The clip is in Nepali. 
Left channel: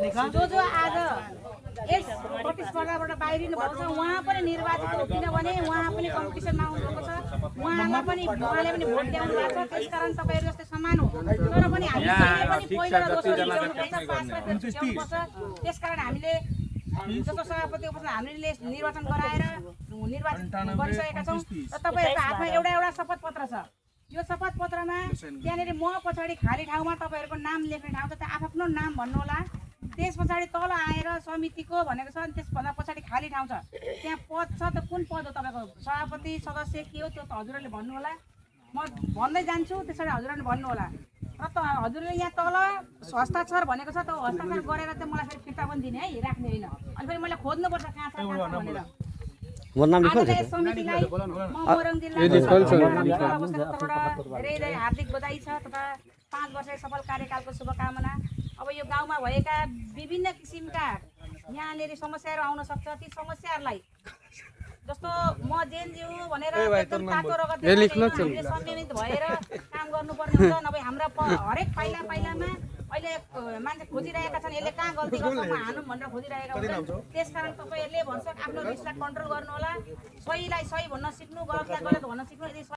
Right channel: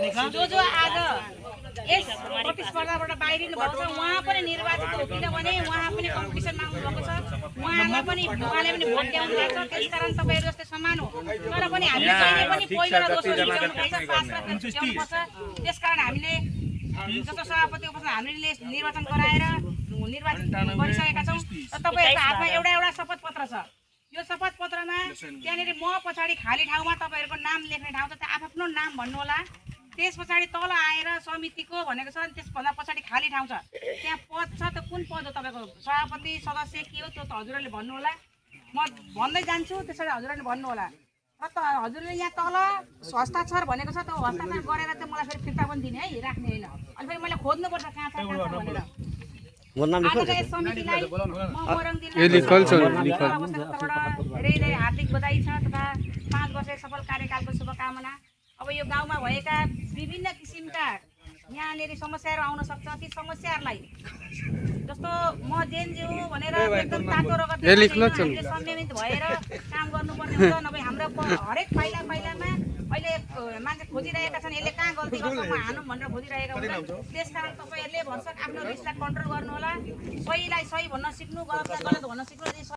जो आज यस प्रतिस्पर्धाबाट बाहिरिनु भएको छ उहाँ पनि निर्वाचित हो, किनभने उहाँ पनि कम्पिटिसनमा आउनुभएको छ, उहाँले पनि भोट दिनु भएको छ। त्यसकारण तपाईँहरू जस्तै समान हो, तर पनि हामीले कहिले पनि पहिलो र दोस्रो जिताउनुपर्छ, पास र जिताउनुपर्छ। त्यसकारण हामीले जस्तो सभापति उपसभापति हामीले निर्वाचन गराएर निर्वाचित गरिसकेका छौँ। तपाईँहरूको हातमा एउटा शपथ पत्र छ। यो शपथ पत्रमा त्यहाँनिर म पछाडि खाली ठाउँमा तपाईँहरूको नाम लेख्ने ठाउँ छ, त्यहाँ आफ्नो नाम भन्नु होला। त्यस पछाडि तल आएर समितिको भनेको छ, अनि त्यसभन्दा पछाडि खाली ठाउँ छ, त्यहाँ पद छ। त्यो कुन पद हो तपाईँको, सभापति सदस्य के हो, त्यो त हजुरहरूले भन्नु होला। म भन्दै जान्छु, त्यसरी हजुरहरूले भन्नु होला। र त हजुरले यहाँ तल हस्ताक्षर भनेको छ, त्यो हस्ताक्षर गरेर चाहिँ मलाई फेरि फिर्ता पनि दिने है, राख्ने होइन। अनि फेरि मैले खोज्नुपर्छ कहाँ छ भनेर। समितिलाई म मोरङ धेरै हार्दिक बधाई छ तथा 5 वर्ष सफल कार्यकालको शुभकामना। अब यो गाउँमा भएका विभिन्न किसिमका यहाँनिर समस्याहरू आउन सक्छ, ती समस्याहरूलाई जस्तो म जेएनजी हो भनेर एकदम तातो रगत संयमित भएर काम गर्नुपर्ने हुन्छ। नभए हाम्रा हरेक पाइलामा अहिले मान्छे खोजिरहेका छन्, यसले कहाँ गल्ती गर्छ म हानौँ भनेर खोजिरहेका हुन्छ। त्यसकारण तपाईँहरूले भन्छ आफ्नो रिसलाई कन्ट्रोल गर्नु होला, सहीलाई सही भन्न सिक्नु, गलतलाई गलत भन्न सिक्नु।